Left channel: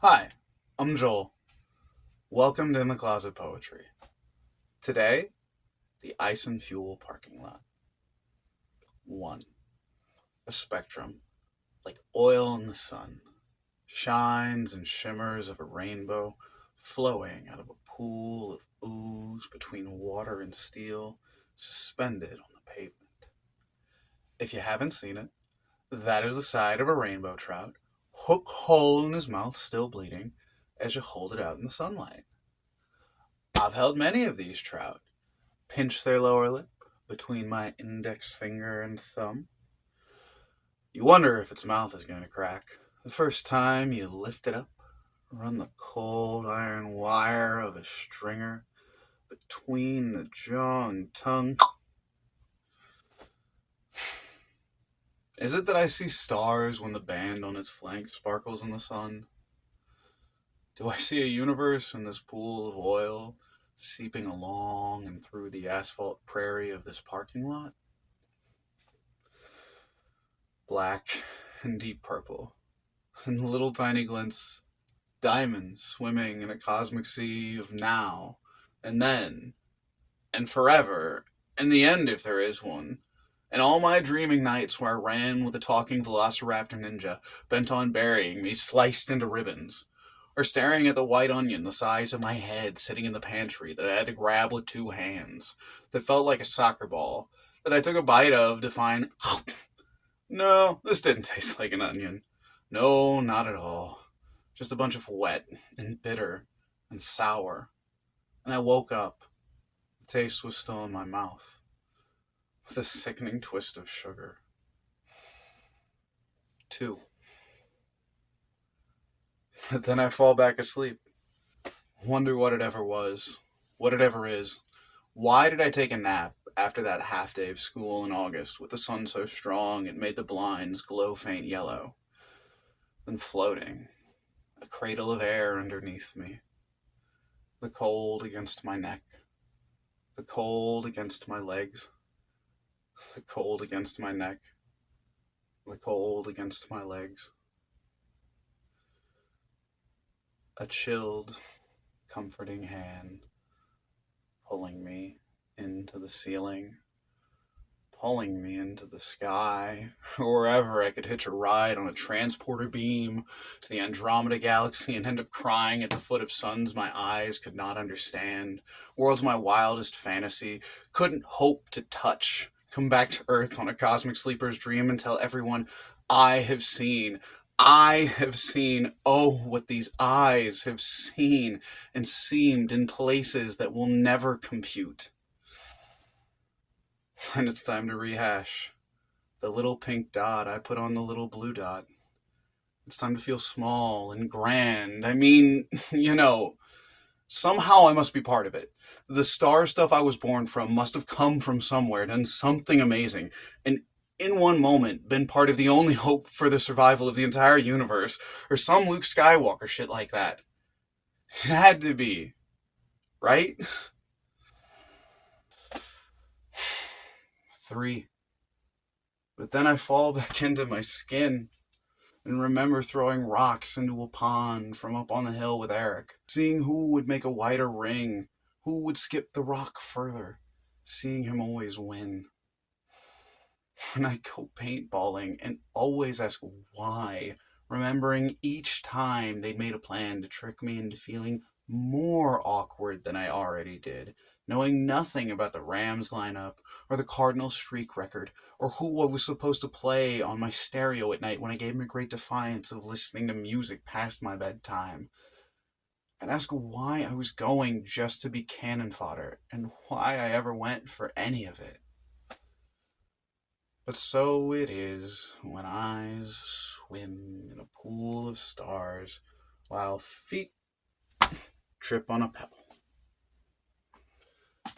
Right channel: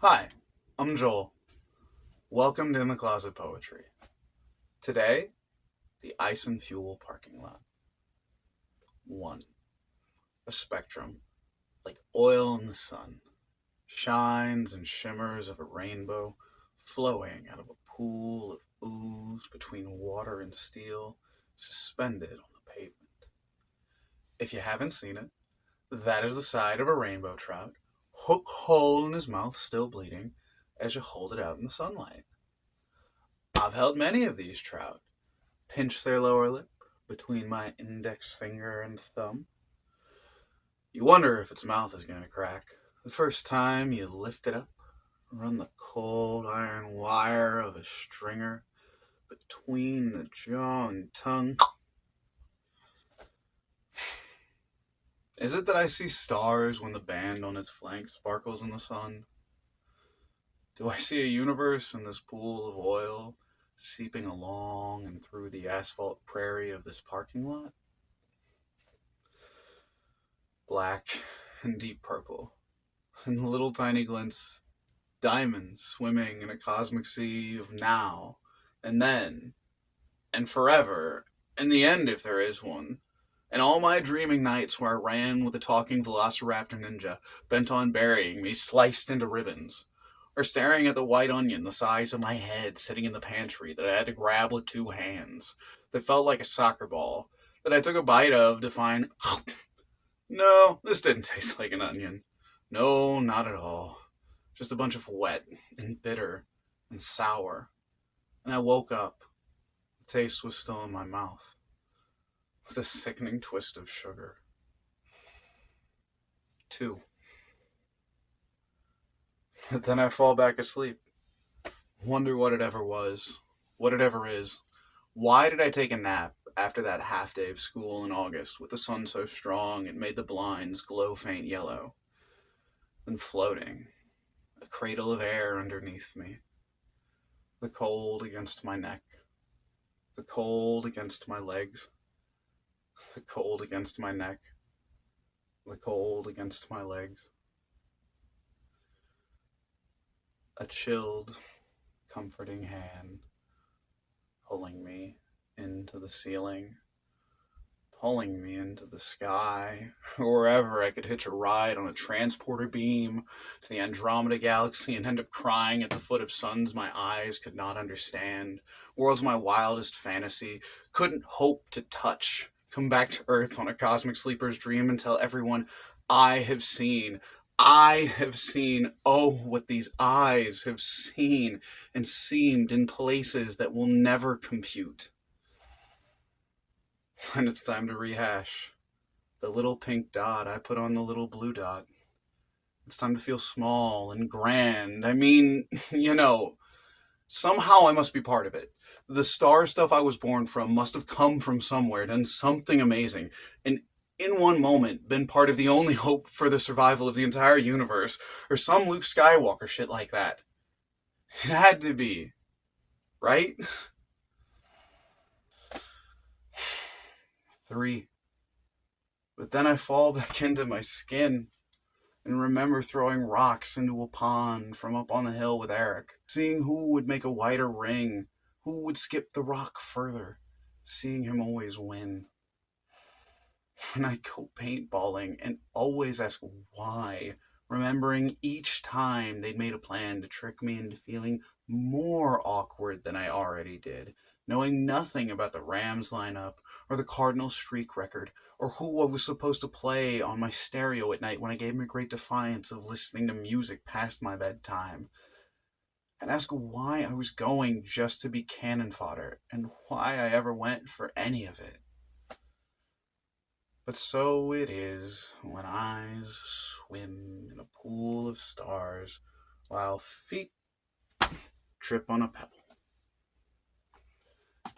Hi, I'm Joel. Welcome to In the Closet Poetry. Today, the Ice and Fuel parking lot. 1. A spectrum, like oil in the sun, shines and shimmers of a rainbow flowing out of a pool of ooze between water and steel, suspended on the pavement. If you haven't seen it, that is the side of a rainbow trout, hook hole in his mouth still bleeding, as you hold it out in the sunlight. I've held many of these trout, pinch their lower lip between my index finger and thumb. You wonder if its mouth is going to crack the first time you lift it up, run the cold iron wire of a stringer between the jaw and tongue. Is it that I see stars when the band on its flank sparkles in the sun? Do I see a universe in this pool of oil seeping along and through the asphalt prairie of this parking lot? Black and deep purple, and little tiny glints, diamonds swimming in a cosmic sea of now, and then, and forever, and the end if there is one. And all my dreaming nights where I ran with a talking velociraptor ninja, bent on burying me, sliced into ribbons. Or staring at the white onion the size of my head sitting in the pantry that I had to grab with two hands, that felt like a soccer ball, that I took a bite of to find no, this didn't taste like an onion. No, not at all. Just a bunch of wet and bitter and sour. And I woke up. The taste was still in my mouth, with a sickening twist of sugar. 2. But then I fall back asleep. Wonder what it ever was. What it ever is. Why did I take a nap after that half day of school in August with the sun so strong it made the blinds glow faint yellow? Then floating, a cradle of air underneath me, the cold against my neck, the cold against my legs, the cold against my neck, the cold against my legs. A chilled, comforting hand pulling me into the ceiling, pulling me into the sky, or wherever I could hitch a ride on a transporter beam to the Andromeda Galaxy and end up crying at the foot of suns my eyes could not understand, worlds my wildest fantasy couldn't hope to touch, come back to Earth on a cosmic sleeper's dream and tell everyone, I have seen, I have seen, oh, what these eyes have seen and seemed in places that will never compute. And it's time to rehash. The little pink dot I put on the little blue dot. It's time to feel small and grand. I mean, somehow I must be part of it. The star stuff I was born from must have come from somewhere, done something amazing, and in one moment been part of the only hope for the survival of the entire universe, or some Luke Skywalker shit like that. It had to be, right? 3. But then I fall back into my skin and remember throwing rocks into a pond from up on the hill with Eric, seeing who would make a wider ring, who would skip the rock further, seeing him always win. And I go paintballing and always ask why, remembering each time they'd made a plan to trick me into feeling more awkward than I already did, knowing nothing about the Rams lineup or the Cardinals streak record or who I was supposed to play on my stereo at night when I gave him a great defiance of listening to music past my bedtime. And ask why I was going just to be cannon fodder and why I ever went for any of it. But so it is when eyes swim in a pool of stars while feet trip on a pebble.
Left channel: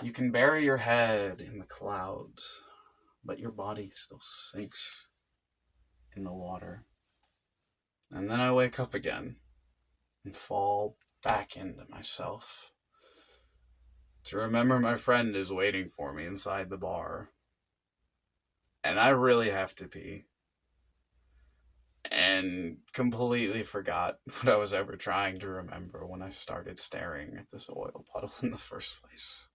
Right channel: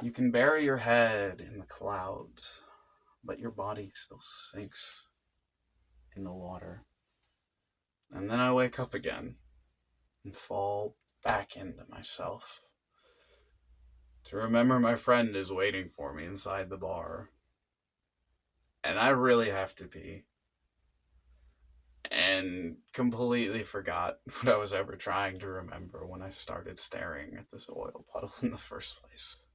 You can bury your head in the clouds, but your body still sinks in the water. And then I wake up again and fall back into myself to remember my friend is waiting for me inside the bar. And I really have to pee. and completely forgot what I was ever trying to remember when I started staring at this oil puddle in the first place.